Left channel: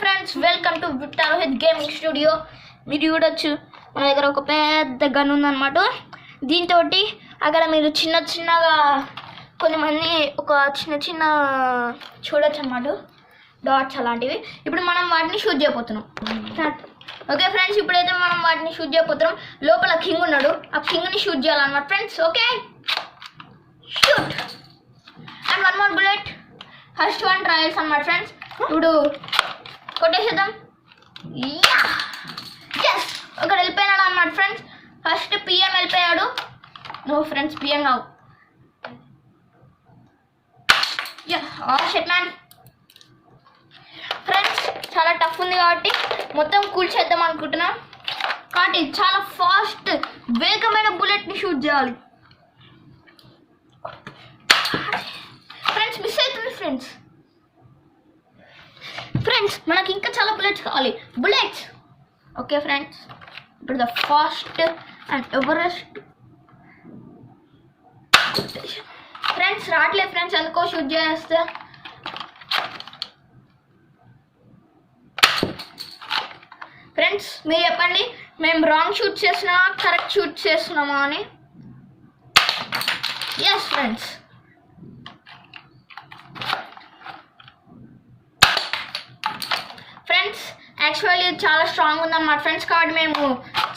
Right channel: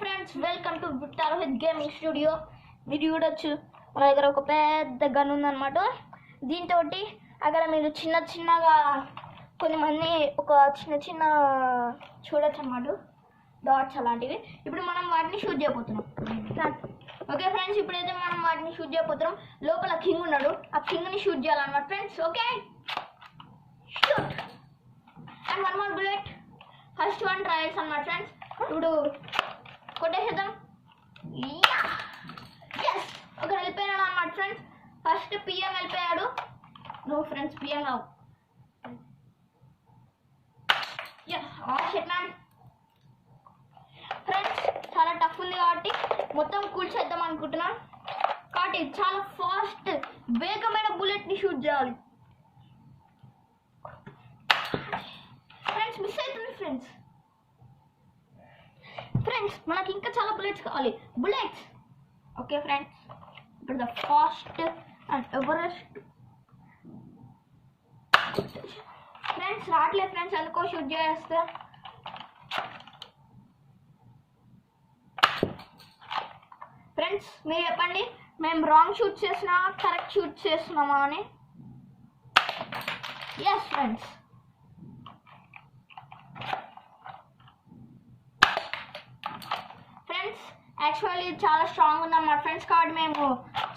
Friends, welcome to Victor Rohit gaming studio. మీరు చూడొచ్చు మన దగ్గర ఒక పెద్ద గన్ ఉందన్నమాట. దీంతో అక్కడ మీరు చిన్నగా కొంతమంది ఒక చిన్న చూడొచ్చు అన్నమాట, డాట్స్ అలాంటివి. ఇప్పుడు మనం వాటిని షూట్ చేయబోతున్నాం. ఓకే ఫ్రెండ్స్, ఇప్పుడైతే మనం వాటిని షూట్ చేయబోతున్నాం. లోపల కింగ్ ఉన్నాడు, ఆ కింగ్ని షూట్ చేయాలన్నమాట friends. Okay, shoot and one more bullet. First one trials అన్నమాట ఫ్రెండ్స్. ఇప్పుడు కొట్టేసేద్దాం. ఎస్, ఒకడు వెళ్ళిపోయినాడు అన్నమాట ఫ్రెండ్స్. ఫస్ట్ పిఎం వెళ్ళిపోయాడు. నో ఫ్రెండ్స్, పిఎం రావు. Shut man. ఫ్రెండ్స్, చాలా టఫ్ ఉంది కాబట్టి మొత్తం కూల్చేద్దాం అనుకుంటున్నాం. కాబట్టి చాలా ఫాస్ట్ వేగమైన బుల్లెట్ని షూట్ చేయాలి. ఫ్రెండ్స్, మిస్ అవుతుంది ఫ్రెండ్స్. మనకి ఇంకా చాలా బుల్లెట్స్ కావాలి. బుల్లెట్స్. ఓకే ఫ్రెండ్స్, ఇప్పుడు the fast and Everest. Friends రావట్లేదు ఫ్రెండ్స్, ఎందుకో షూట్ చేస్తే. ఫ్రెండ్స్ మీరు చెప్పండి, మేము రాంగ్ షూట్ చేస్తున్నామా కరెక్ట్ షూట్ చేస్తున్నామా అని. ఎస్ ఫ్రెండ్స్, యాక్చువల్లీ చాలా స్ట్రాంగ్ ఉందన్నమాట ఫ్రెండ్స్. కాబట్టి మేము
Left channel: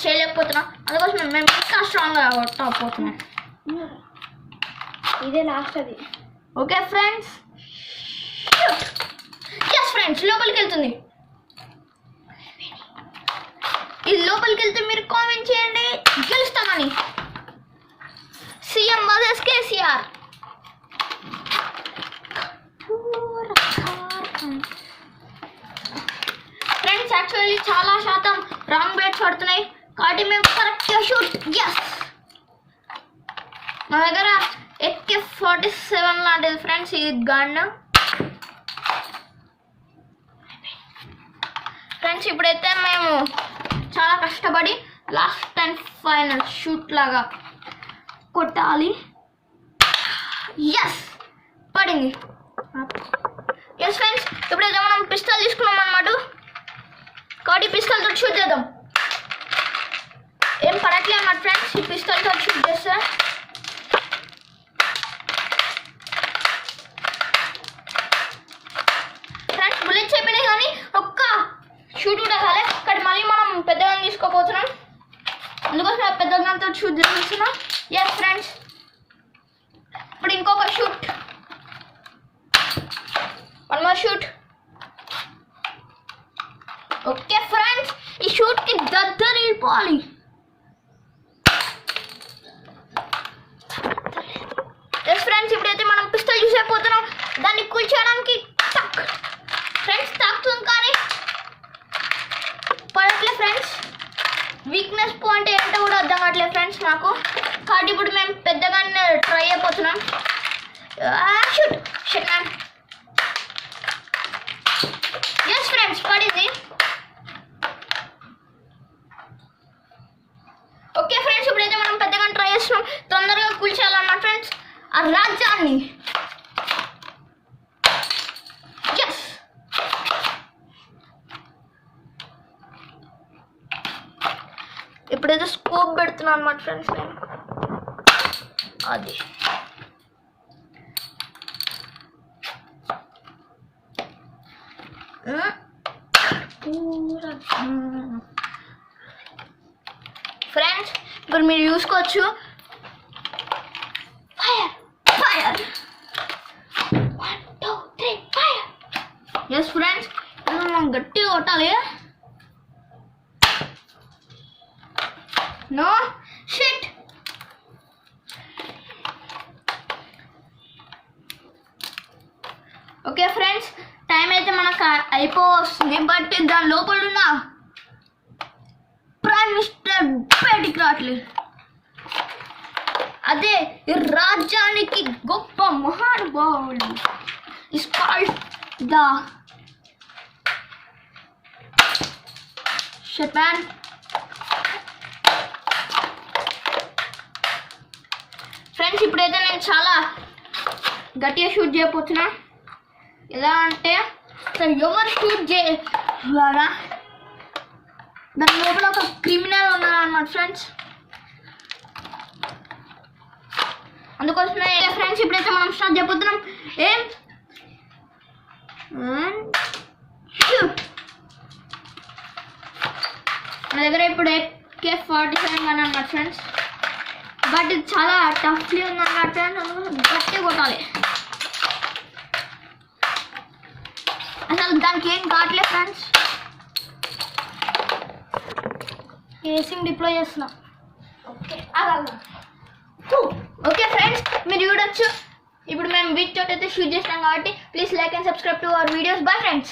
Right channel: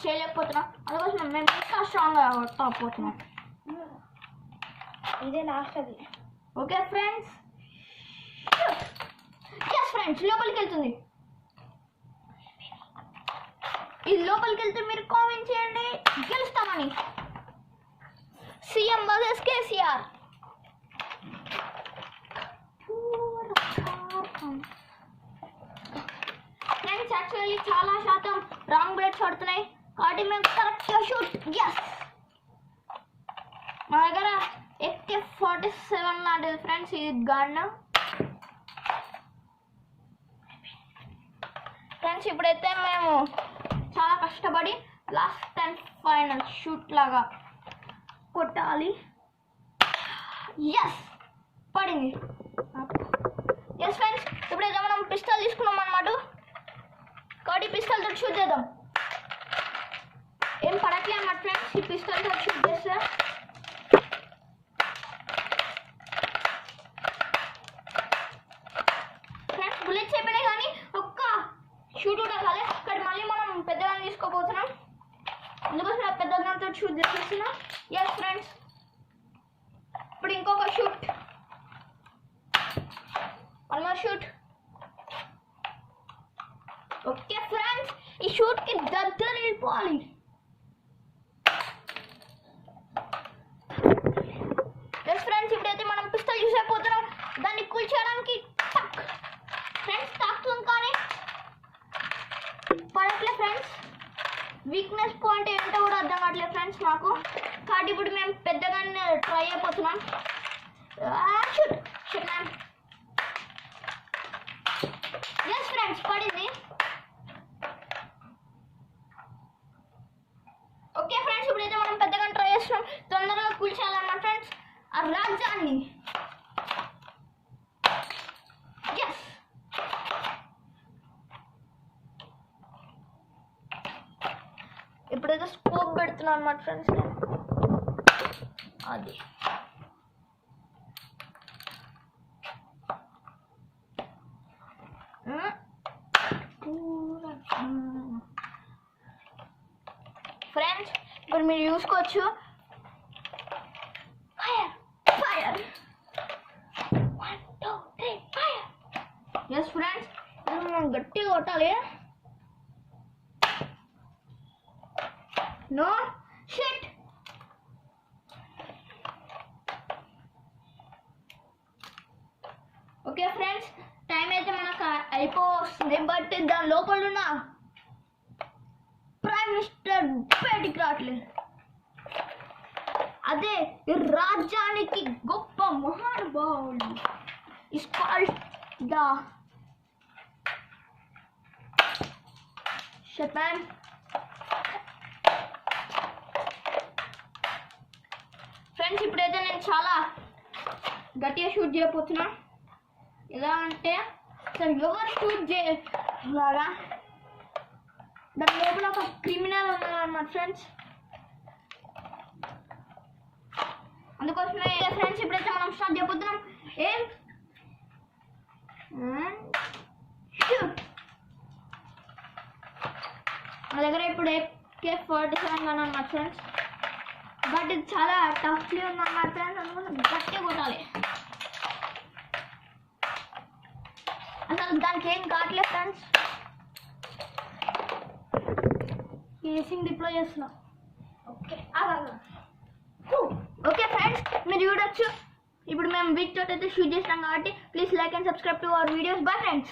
చేయలేకపోతున్నాం, అందుకోసం మేము ఇంకా స్ట్రాంగ్గా కొట్టకపోతున్నాం. ఇదే లాస్ట్ అది. ఓకే ఫ్రెండ్స్, ఎస్ ఫ్రెండ్స్, లోపలికి వెళ్తుంది. ఇది లోపలికి వెళ్తే మీరు కామెంట్ చేయండి గెలుస్తామని. CM versus KCR. Friends actually చాలా శాతం రాంగ్ బుల్లెట్స్ పడుతున్నాయి, కాబట్టి మేము కరెక్ట్గా షూట్. ఎస్, మా దగ్గర AK-47 లాంటిది ఫ్రెండ్స్ ఈ గన్. ఫ్రెండ్స్ ఇప్పుడైతే మేము చాలా కష్టపడి లాస్ట్ అండ్ ఫైనల్ షూట్ లాగా కొట్టాలి. ఎస్, పడింది. ఎస్ ఫ్రెండ్స్, ఇప్పుడైతే మనం పిస్టల్ తీసుకున్నాం అన్నమాట. కాబట్టి పిస్టల్ తోటి షూట్ చేద్దాం. ఏం పడట్లే అన్నమాట ఫ్రెండ్స్ ఈ పిస్టల్ తోటి షూట్ చేస్తే. ఫ్రెండ్స్ బుల్లెట్స్ అయిపోయినాయి, కానీ ఒక్క షూట్ కూడా కాలే. కానీ మళ్ళీ మనం పెద్దగా తీసుకోపోతున్నాం, అందుకోసం పెద్ద గన్తో షూట్ చేస్తున్నాం. ఎస్ ఫ్రెండ్స్, ఇప్పుడు ఇంకొక shoot, one more shoot. Okay friends, ఈ షూట్కి దగ్గర వెళ్ళిపోవాలి. ఎస్ ఫ్రెండ్స్, ఇప్పుడైతే మనం పిస్టల్ యూస్ అయిపోతున్నాం. దాన్ని కూల్చేయడానికి టక్. ఫ్రెండ్స్ తాకుతుంది కానీ పడట్లే ఫ్రెండ్స్. వీక్నెస్ పాయింట్ ఏంటో కూడా అర్థం కావట్లేదు ఫ్రెండ్స్ నాకు. కాబట్టి ఇప్పుడు మేము పెద్దగానే ట్రై అయిపోతున్నాం. Shoot shut man. Yes friends, పడింది. ఓకే ఫ్రెండ్స్, ఇప్పుడైతే మనం పెద్దగా ట్రై చేస్తున్నాం. తొందరగా కూల్చేయాలన్నమాట ఫ్రెండ్స్ ఆ రాజ్యాన్ని. ఎస్, ఇప్పుడైతే స్కోప్ పెడుతున్నాను అన్నమాట ఫ్రెండ్స్ నేను. అది ఫ్రెండ్స్ ఇప్పుడు మీరు చూసుకోవచ్చు. Fire fire, 1 2 3 fire. Yes friends, మనం గట్టిగా కొట్టాలి. No shit. Okay friends, time అయితే మనకు అయిపోతుంది. బట్ దాని లోపల ఉన్న ప్రైమ్ మినిస్టర్ బయటికి రావట్లేదు. అదే ఈ రాజ్యానికి గొప్ప మహానుభావులు. Is called the shut man. Friends ఇప్పుడైతే నేను చాలా గట్టిగా షూట్ చేయబోతున్నా. ఎలా అంటే ఎవరు లాగా దాని లోపల ఒక క్రిమినల్ ఉన్నారన్నమాట ఫ్రెండ్స్. అందుకోసమే ఫ్రెండ్స్ ఇప్పుడైతే మనం స్టార్ట్ చేయబోతున్నాం. ఏం మన దగ్గర ఇప్పుడు AK-47 గన్ అన్నమాట ఫ్రెండ్స్. బట్ ఇది చాలా టఫ్లీ ఉందన్నమాట ఫ్రెండ్స్. అందుకోసం గట్టి కొట్టాలి. అసలు దానికి ఏం కావట్లేదు ఫ్రెండ్స్. ఏసింగ్ డిప్లాయ్ చేస్తున్నాం. ఓకే ఫ్రెండ్స్ మీరు చూడొచ్చు. ఇప్పుడు మేము వీటితో అయితే షూట్ చేసినాం కాబట్టి please like and subscribe to our videos. Bye friends.